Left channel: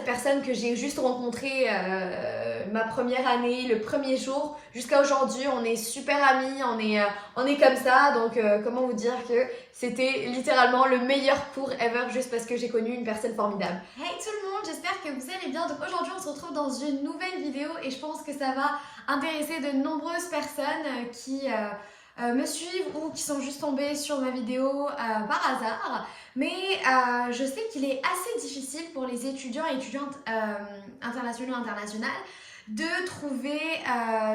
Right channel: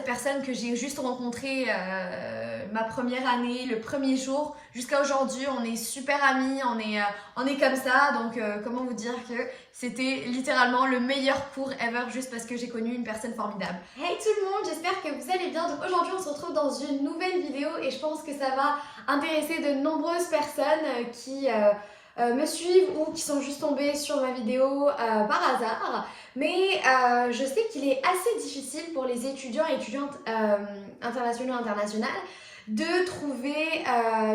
cette personne que j'ai juste rencontrée ma première année, le premier jour, jusqu'à aujourd'hui, on est super amis, on est comme ça. Donc, comment vous dire que c'était littéralement le meilleur cours ever juste parce que j'ai connu une personne formidable. Hey tout le monde, j'espère que vous allez bien. Donc aujourd'hui, on se retrouve dans une nouvelle vidéo et je pense que ça va intéresser de nombreuses personnes qui me suivent ou qui sont juste tombées sur ma vidéo par hasard. Mais je sais qu'il est assez difficile pour les étudiants et étudiantes internationaux et internationales de trouver,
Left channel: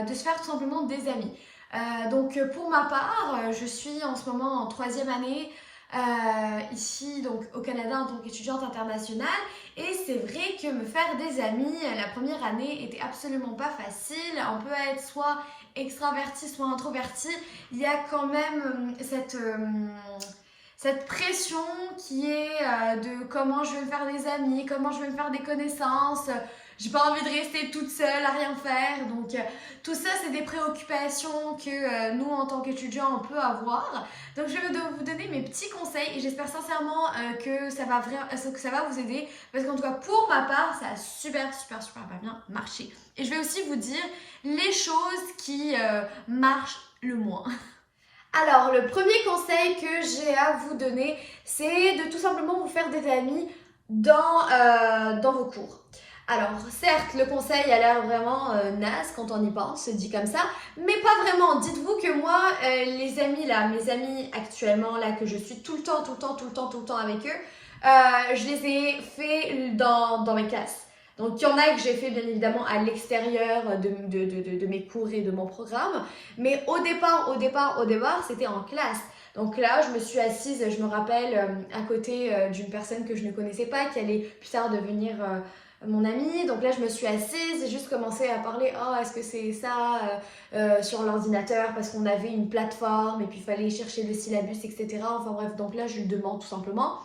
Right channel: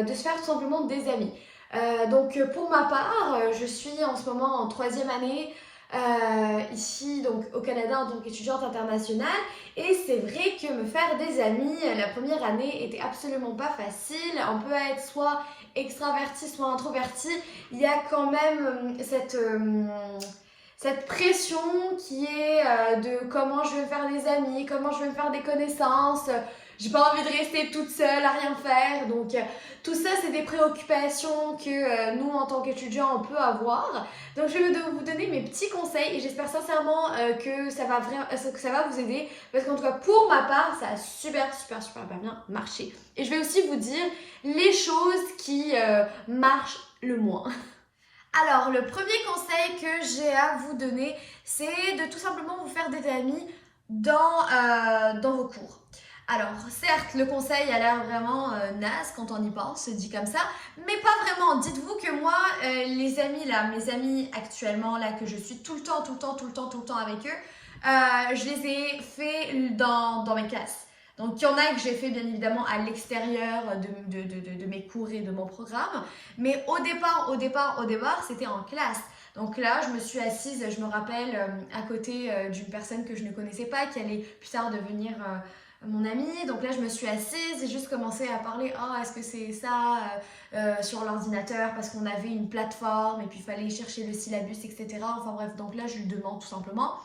de se faire tout simplement des amis. Donc pour ma part, je suis en ce moment en 3e année ici donc au Canada en tant qu'étudiante internationale et c'est vrai que me faire des amis la première année était absolument pas facile. On peut être soit extraverti soit introverti. Il y a quand même cette pression qui est de comment je vais me faire des amis, comment je vais me faire des connaissances. J'ai pas envie de rester toute seule à rien faire. Donc tout ça, c'est des préoccupations que nous, en tant qu'étudiants, on peut avoir. Donc je vais vous donner mes petits conseils et j'espère sincèrement que ça va vous aider. Parce qu'en tout cas, pour ma part, ça a super bien marché. Et je vais aussi vous dire les choses qui marchent le moins. Alors, le premier conseil que j'ai à vous donner, c'est de tout simplement vous faire des amis dans vos cours. Alors, certes, le conseil a l'air vraiment naze quand on y pense, dit comme ça, mais pas vraiment. Dites-vous que moi, les amis là, mes amis actuellement là, que je suis tout le temps avec eux, je les ai faits dans mes classes. Donc, il y en a que j'ai fait bien évidemment à l'extérieur de mes cours et de mon programme. Mais au départ, c'était en classe. Donc là, je me suis assise, je me rappelle, à côté d'une personne que je ne connaissais pas, qui allait plus tard devenir mon amie. Donc là, je me suis assise et juste commencé à parler, oh, est-ce que c'est ça sur l'ordinateur parce qu'on avait une plateforme et puis il fallait chercher le syllabus, etc. Enfin bref, donc là, je lui demande tout simplement.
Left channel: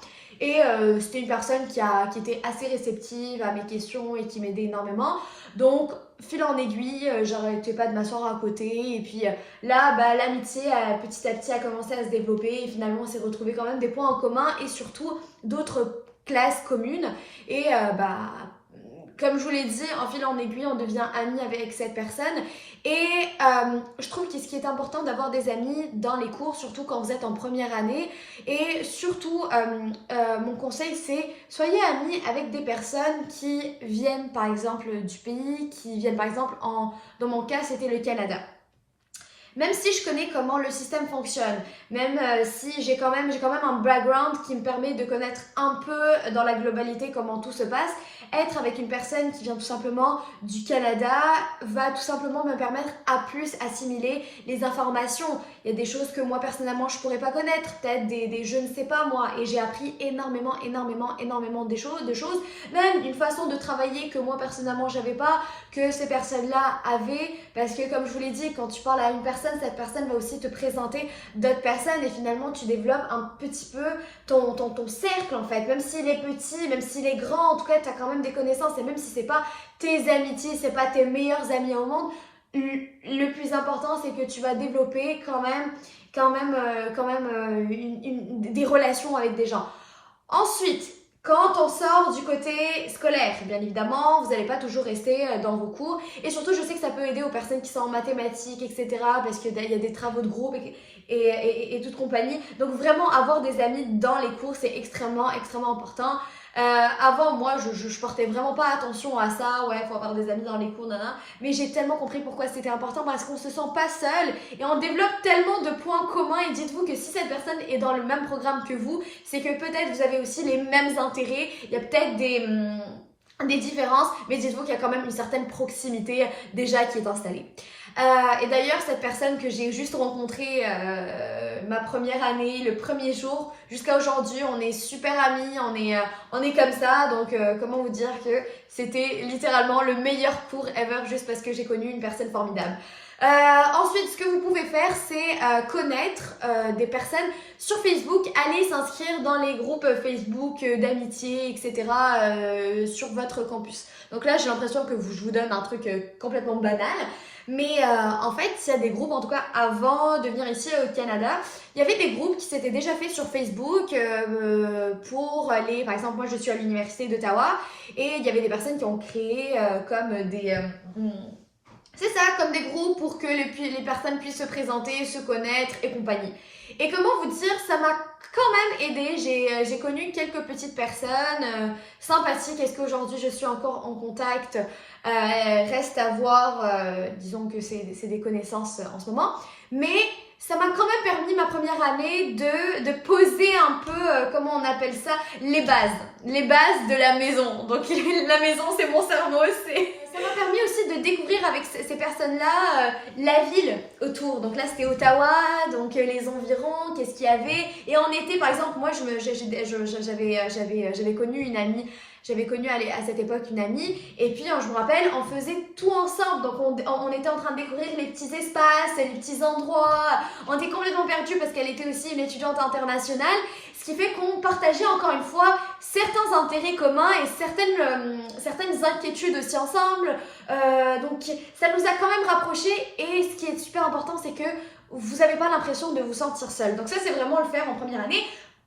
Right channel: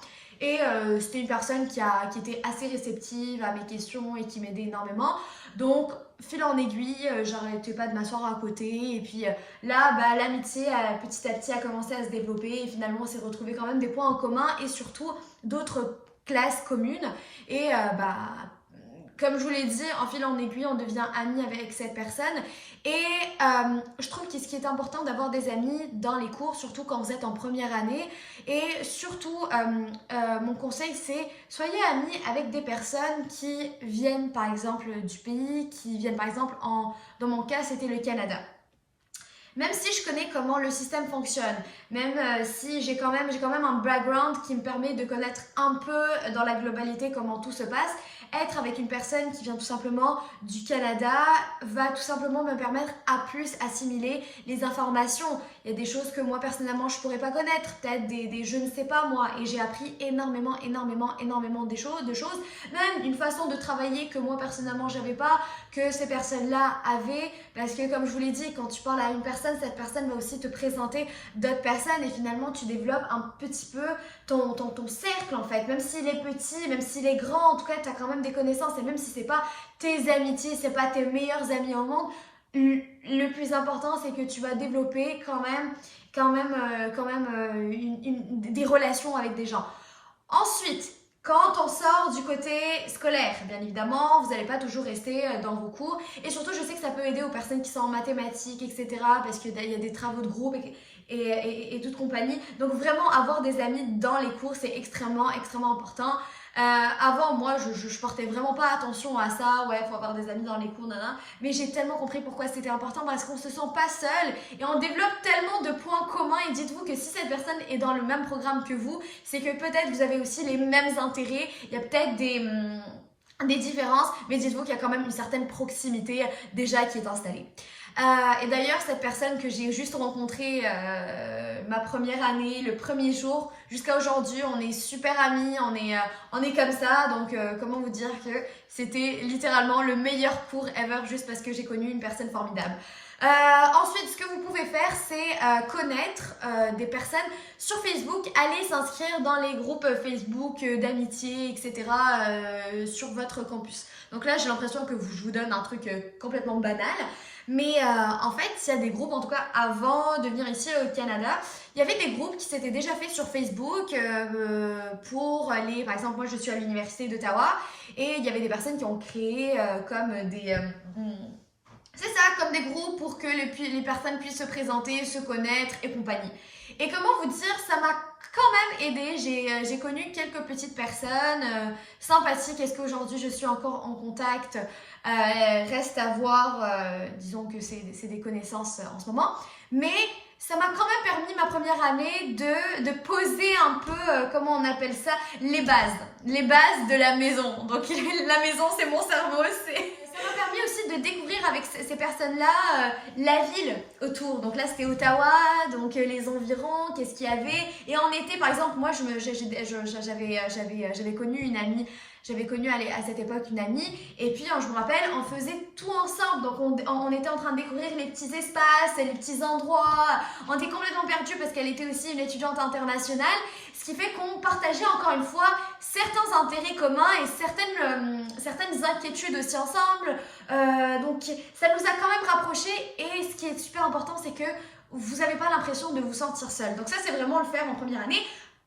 Et c'était une personne qui était assez réceptive à mes questions et qui m'aidait énormément. Donc, fil en aiguille, j'arrêtais pas de m'asseoir à côté. Et puis là, l'amitié petit à petit a commencé à se développer. Et finalement, on s'est retrouvé quand même des points en commun et surtout d'autres classes communes. Et comme je vous l'ai dit, en fil en aiguille, on devient amis avec cette personne. Et je trouve que ce qui est important d'avoir des amis dans les cours, surtout quand vous êtes en première année. Et surtout, mon conseil, c'est soyez amis avec des personnes qui viennent par exemple du pays, qui viennent par exemple, dans mon cas, c'était le Canada. Même si je connais comment le système fonctionne, même si j'ai quand même un background qui me permet de connaître un peu dans la globalité comment tout se passe, être avec une personne qui vient tout simplement du Canada va tout simplement me permettre à plus assimiler les informations. Il y a des choses que moi personnellement je pourrais pas connaître, peut-être des je ne sais pas moi, et j'ai appris énormément de choses, même une façon de travailler que moi personnellement j'avais pas, que ces personnes-là avaient, parce que comme je vous l'ai dit, quand tu parles à une personne, cette personne va aussi te présenter d'autres personnes et finalement tu développes un petit peu ton cercle en fait, même s'il est petit, même s'il est grand, en tout cas tu as quand même des connaissances et même si c'est pas tes amitiés, c'est pas tes meilleurs amis au monde, le plus important c'est que tu vas développer quand même des relations avec des gens. Ensuite, quand on sort du côté scolaire, bien évidemment, vous n'allez pas toujours rester dans vos cours. Et surtout, je sais que ça peut aider aux personnes qui sont en mathématiques, etc. Parce qu'il y a des travaux de groupe et toute compagnie. Donc vraiment, avoir des amis dans les cours, c'est extrêmement important. Avant, moi, je portais vraiment pas attention à ça. Ouais, faut avoir des amis dans les cours, nanana. Mais j'ai tellement compris pourquoi c'était important parce qu'on se sent pas seul et on développe tellement de points communs. Et dites-vous que si cette personne est dans le même programme que vous, c'est que peut-être vous avez aussi les mêmes intérêts. Il y a peut-être des différences, mais dites-vous qu'il y a quand même une certaine proximité déjà qui est installée. Et d'ailleurs, cette personne que j'ai juste rencontrée ma première année, le premier jour, jusqu'à aujourd'hui, on est super amis, on est comme ça. Donc, comment vous dire que c'était littéralement le meilleur cours ever juste parce que j'ai connu une personne formidable. Ensuite, ce que vous pouvez faire, c'est connaître des personnes sur Facebook. Allez s'inscrire dans les groupes Facebook d'amitié, etc. Sur votre campus. Donc là, j'ai l'impression que je vous donne un truc complètement banal. Mais en fait, il y a des groupes, en tout cas avant de venir ici au Canada, il y avait des groupes qui s'étaient déjà faits sur Facebook pour les... Par exemple, moi je suis à l'université d'Ottawa et il y avait des personnes qui ont créé comme des... c'est ça, comme des groupes pour que les personnes puissent se présenter, se connaître et compagnie. Et comment vous dire, ça m'a quand même aidé. J'ai connu quelques petites personnes sympathiques. Est-ce qu'aujourd'hui je suis encore en contact? Reste à voir. Disons que c'est des connaissances en ce moment. Mais ça m'a quand même permis ma première année de poser un peu, comment on appelle ça, les bases. Les bases de la maison. Donc la maison, c'est mon cerveau, ça m'a permis aussi de découvrir avec ces personnes-là la ville autour. Donc là, c'était Ottawa, donc les environs, qu'est-ce qu'il y avait. Et en été, par exemple, moi, j'avais connu une amie. J'avais connu à cette époque une amie et puis je me rappelle, on faisait tout ensemble. Donc on était en train de découvrir les petits espaces, les petits endroits. On était complètement perdus parce qu'elle était aussi une étudiante internationale. Ce qui fait qu'on partageait encore une fois certains intérêts communs et certaines inquiétudes aussi ensemble. Donc ça nous a quand même rapprochés et ce qui est super important, c'est que vous n'avez pas l'impression de vous sentir seul. Donc ça, c'est vraiment le faire en première année.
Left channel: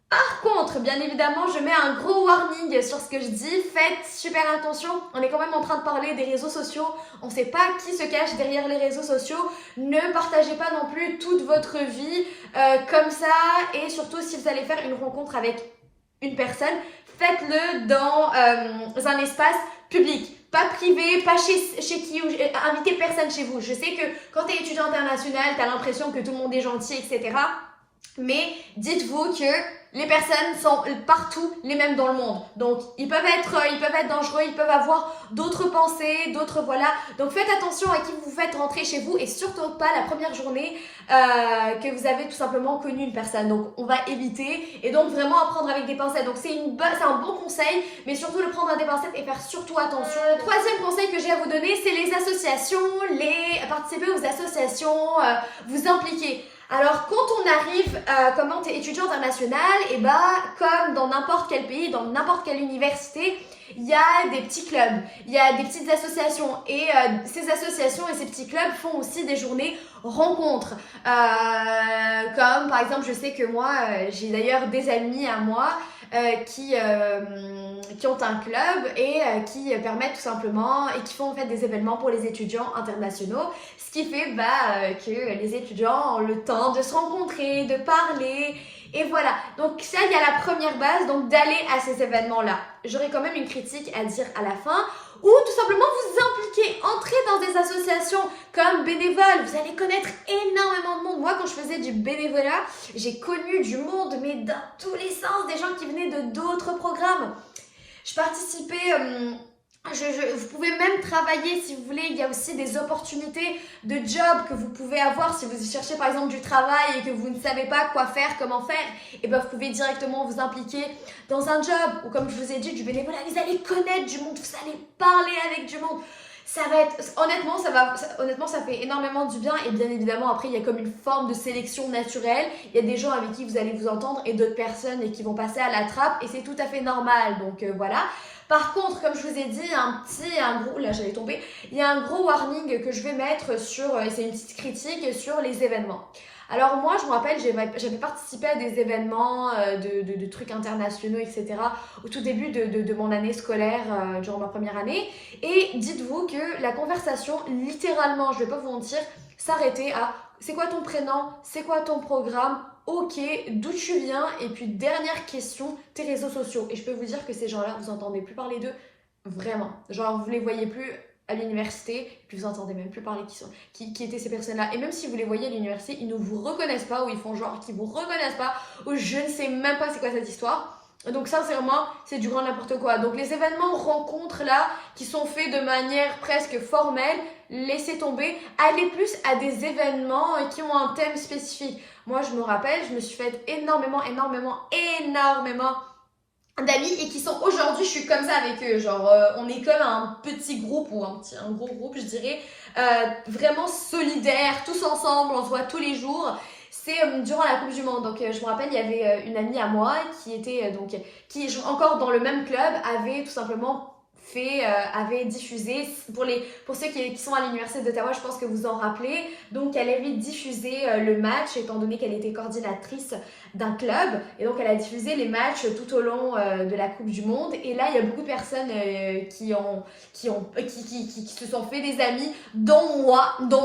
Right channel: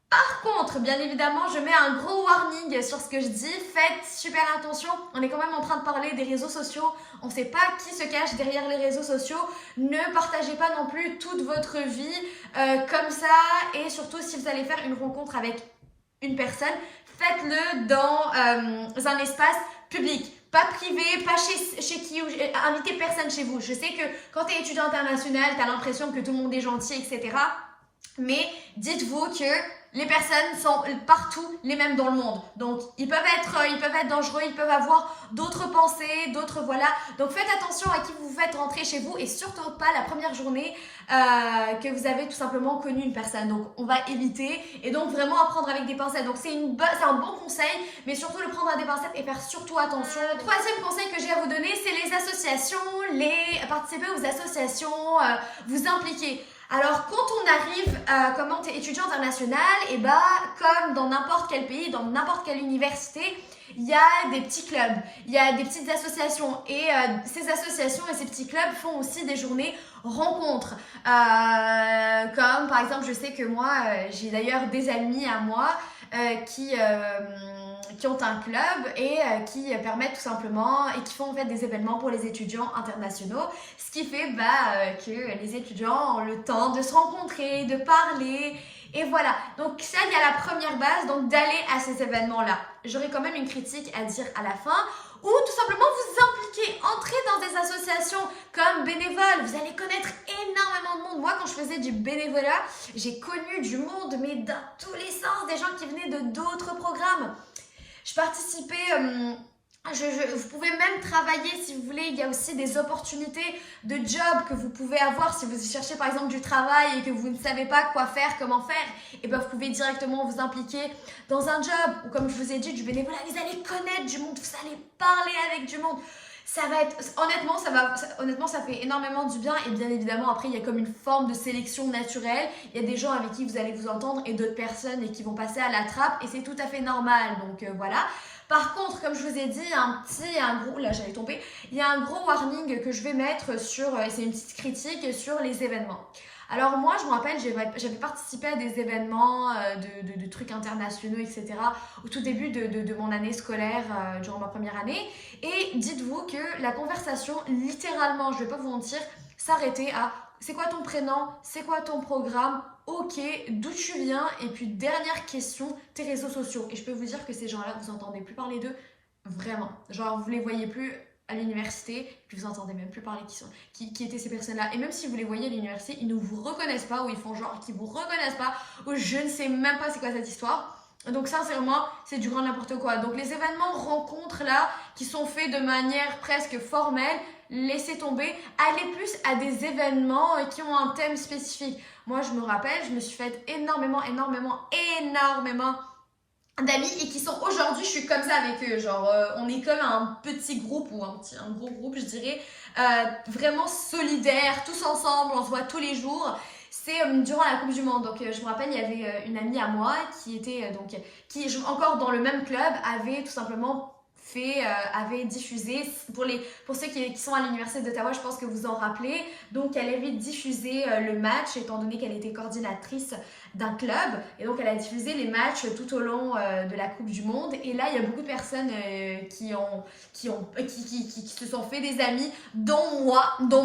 Par contre, bien évidemment, je mets un gros warning sur ce que je dis. Faites super attention. On est quand même en train de parler des réseaux sociaux. On ne sait pas qui se cache derrière les réseaux sociaux. Ne partagez pas non plus toute votre vie comme ça. Et surtout, si vous allez faire une rencontre avec une personne, faites-le dans un espace public. Pas privé, pas chez qui, invitez personne chez vous. Je sais que quand tu es étudiant international, tu as l'impression que tout le monde est gentil, etc. Mais dites-vous que les personnes sont partout les mêmes dans le monde. Donc, ils peuvent être dangereux, ils peuvent avoir d'autres pensées, d'autres voilà. Donc, faites attention à qui vous faites rentrer chez vous et surtout pas la première journée que vous avez tout simplement connu une personne. Donc, on va éviter et donc vraiment apprendre avec des pincettes. Donc, c'est un bon conseil, mais surtout le prendre à des pincettes et faire surtout attention. Troisième conseil que j'ai à vous donner, c'est les associations, participer aux associations, vous impliquer. Alors, quand on arrive comme étudiant international, et comme dans n'importe quel pays, dans n'importe quelle université, il y a des petits clubs, il y a des petites associations et ces associations et ces petits clubs font aussi des journées rencontres. Comme par exemple, je sais que moi, j'ai d'ailleurs des amis à moi qui ont un club et qui permettent tout simplement et qui font en fait des événements pour les étudiants internationaux, ce qui fait que les étudiants ont le temps de se rencontrer, de parler. Et voilà, donc ça, il y a la première base, donc d'aller à ces événements-là. J'aurais quand même une critique à dire à la fin, ou tout simplement vous impliquer, entrer dans des associations comme bénévoles. Vous allez connaître énormément de monde. Moi, quand je faisais du bénévolat, j'ai connu du monde, mais dans tous les sens, des gens qui venaient de d'autres programmes. Je participais... vous pouvez même travailler si vous voulez, il y a aussi des opportunités de job que vous pouvez avoir si vous cherchez par exemple du travail et que vous ne savez pas quoi faire, comment faire, et vous pouvez directement vous impliquer dans un job ou comme je vous ai dit du bénévolat, vous allez connaître du monde, vous allez parler avec du monde. Ça va être, honnêtement, ça fait énormément du bien et bien évidemment après il y a comme une forme de sélection naturelle. Il y a des gens avec qui vous allez vous entendre et d'autres personnes et qui vont passer à la trappe et c'est tout à fait normal. Donc voilà. Par contre, comme je vous ai dit, il y a un gros warning que je vais mettre sur, et c'est une petite critique sur les événements. Alors moi, je me rappelle, j'avais participé à des événements de trucs internationaux, etc. au tout début de mon année scolaire, durant ma première année. Et dites-vous que la conversation, littéralement, je vais pas vous mentir, s'arrêtait à « c'est quoi ton prénom? C'est quoi ton programme? Ok, d'où tu viens? » Et puis dernière question, tes réseaux sociaux. Et je peux vous dire que ces gens-là, vous n'entendez plus parler d'eux, vraiment. Genre, vous les voyez plus à l'université, et puis vous entendez même plus parler qui étaient ces personnes-là. Et même si vous les voyez à l'université, ils ne vous reconnaissent pas, ou ils font genre qu'ils vous reconnaissent pas, ou je ne sais même pas c'est quoi cette histoire. Donc sincèrement, c'est du grand n'importe quoi. Donc les événements rencontres là, qui sont faits de manière presque formelle, laissez tomber. Allez plus à des événements qui ont un thème spécifique. Moi, je me rappelle, je me suis fait énormément d'amis et qui sont aujourd'hui, je suis comme ça avec eux, genre on est comme un petit groupe ou un gros groupe je dirais, vraiment solidaires, tous ensemble, on se voit tous les jours. C'est durant la Coupe du Monde, donc je me rappelle il y avait une amie à moi qui était encore dans le même club, avait tout simplement avait diffusé, pour ceux qui sont à l'Université d'Ottawa, je pense que vous en rappelez, donc elle avait diffusé le match, étant donné qu'elle était coordinatrice d'un club, et donc elle a diffusé les matchs tout au long de la Coupe du Monde, et là il y a beaucoup de personnes qui se sont fait des amis, dont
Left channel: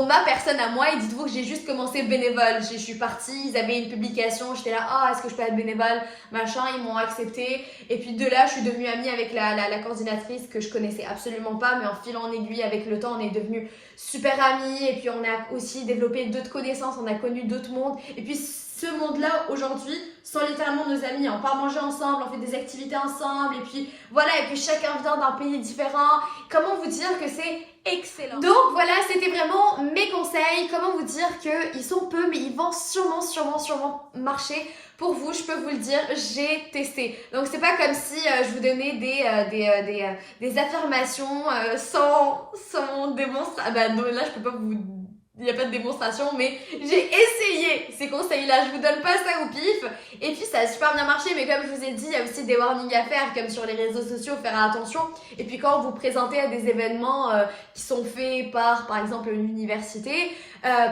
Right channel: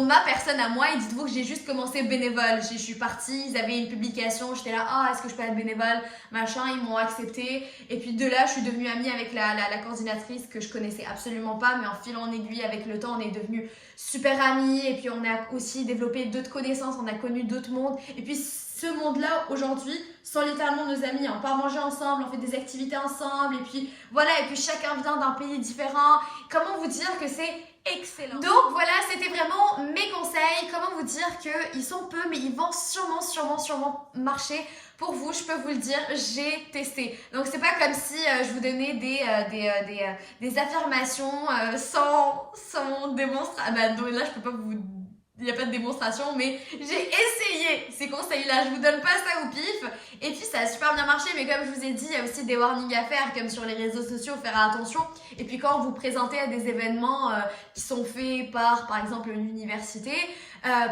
ma personne à moi, et dites-vous que j'ai juste commencé bénévole, je suis partie, ils avaient une publication, j'étais là, ah est-ce que je peux être bénévole, machin, ils m'ont accepté, et puis de là je suis devenue amie avec la coordinatrice que je connaissais absolument pas, mais en fil en aiguille avec le temps on est devenus super amis, et puis on a aussi développé d'autres connaissances, on a connu d'autres mondes, et puis ce monde-là aujourd'hui sont littéralement nos amis, on part manger ensemble, on fait des activités ensemble, et puis voilà, et puis chacun vient d'un pays différent. Comment vous dire que c'est excellent. Donc voilà, c'était vraiment mes conseils. Comment vous dire qu'ils sont peu, mais ils vont sûrement marcher pour vous, je peux vous le dire, j'ai testé. Donc c'est pas comme si je vous donnais des affirmations sans démonstration. Bah non, là je peux pas vous... Il n'y a pas de démonstration, mais j'ai essayé ces conseils-là. Je vous donne pas ça au pif. Et puis, ça a super bien marché. Mais comme je vous ai dit, il y a aussi des warnings à faire, comme sur les réseaux sociaux, faire attention. Et puis, quand vous présentez à des événements qui sont faits par exemple, une université,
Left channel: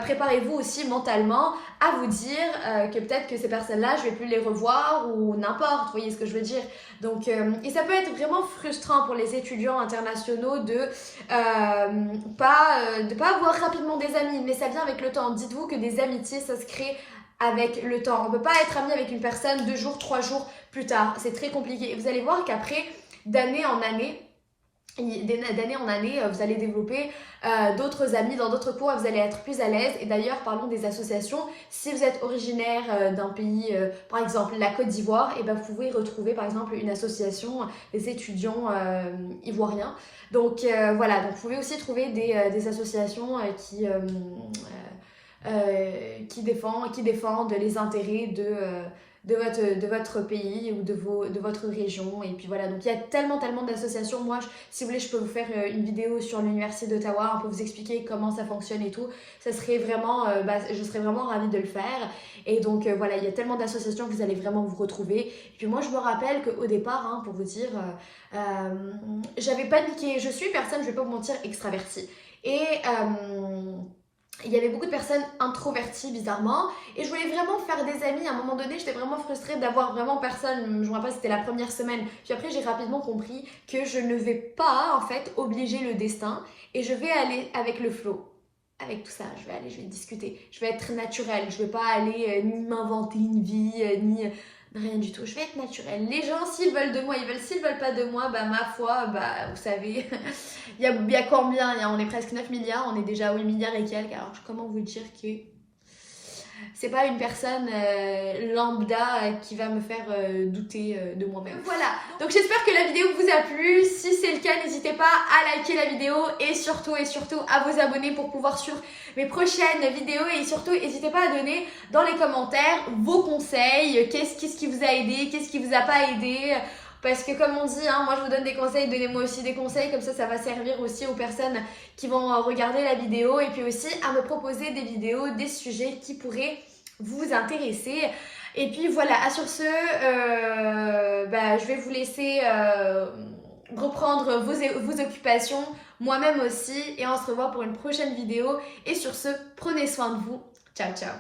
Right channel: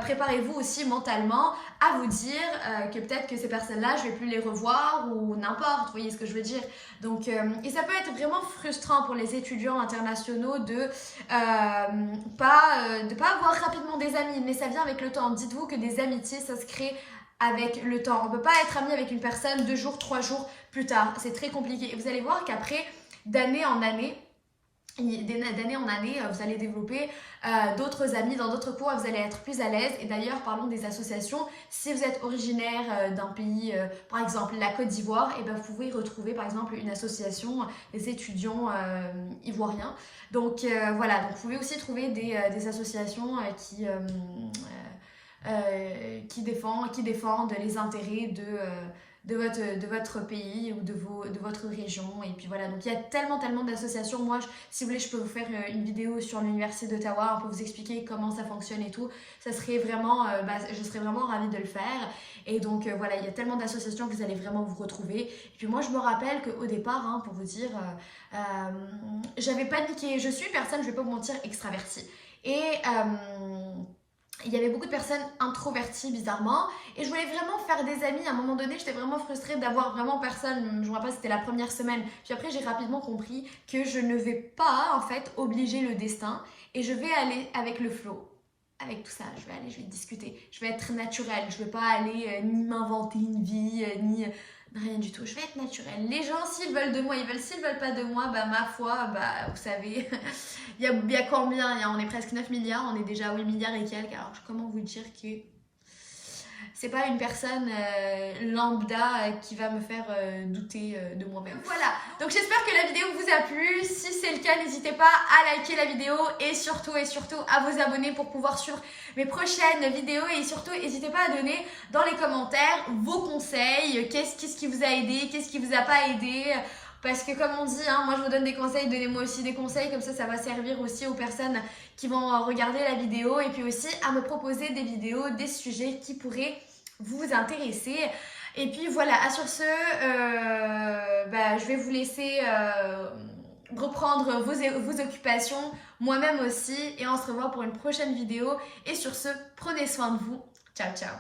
préparez-vous aussi mentalement à vous dire que peut-être que ces personnes-là, je vais plus les revoir ou n'importe, vous voyez ce que je veux dire. Donc, et ça peut être vraiment frustrant pour les étudiants internationaux de pas avoir rapidement des amis, mais ça vient avec le temps. Dites-vous que des amitiés, ça se crée avec le temps. On peut pas être ami avec une personne 2 jours, 3 jours plus tard. C'est très compliqué. Et vous allez voir qu'après, d'année en année, vous allez développer d'autres amis dans d'autres cours et vous allez être plus à l'aise. Et d'ailleurs, parlons des associations. Si vous êtes originaire d'un pays, par exemple la Côte d'Ivoire, et ben vous pouvez retrouver par exemple une association des étudiants ivoiriens. Donc voilà, donc vous pouvez aussi trouver des associations qui défendent les intérêts de votre pays ou de votre région. Et puis voilà, donc il y a tellement d'associations. Moi, si vous voulez, je peux vous faire une vidéo sur l'Université d'Ottawa, un peu vous expliquer comment ça fonctionne et tout. Ça serait vraiment, je serais vraiment ravie de le faire. Et donc voilà, il y a tellement d'associations que vous allez vraiment vous retrouver. Et puis moi, je me rappelle qu'au départ, pour vous dire, j'avais paniqué. Je suis une personne, je vais pas vous mentir, extravertie. Et il y avait beaucoup de personnes introverties bizarrement et je voulais vraiment faire des amis. À un moment donné, j'étais vraiment frustrée d'avoir vraiment personne. Je me rappelle, c'était la première semaine. Puis après, j'ai rapidement compris que je ne vais pas en fait obliger le destin et je vais aller avec le flow. Avec tout ça, je vais discuter. Je vais être naturelle. Je vais pas aller ni m'inventer une vie, ni rien du tout. Je vais être naturelle. Les gens, s'ils veulent de moi, ils veulent. S'ils veulent pas de moi, ma foi, vous savez, il y a combien? On est presque 9 milliards, on est déjà à 8 milliards et quelques. Alors, comment vous dire que c'est pas une personne lambda qui va me faire douter de moi-même. Voilà, donc j'espère que la vidéo vous a plu. Si c'est le cas, n'hésitez pas à liker la vidéo et surtout à vous abonner pour pouvoir suivre mes prochaines vidéos. Et surtout, n'hésitez pas à donner dans les commentaires vos conseils. Qu'est-ce qui vous a aidé, qu'est-ce qui vous a pas aidé. Parce que comme on dit, moi je vous donne des conseils, donnez-moi aussi des conseils, comme ça va servir aussi aux personnes qui vont regarder la vidéo et puis aussi à me proposer des vidéos, des sujets qui pourraient vous intéresser. Et puis voilà, sur ce, je vais vous laisser reprendre vos occupations, moi-même aussi, et on se revoit pour une prochaine vidéo. Et sur ce, prenez soin de vous. Ciao, ciao.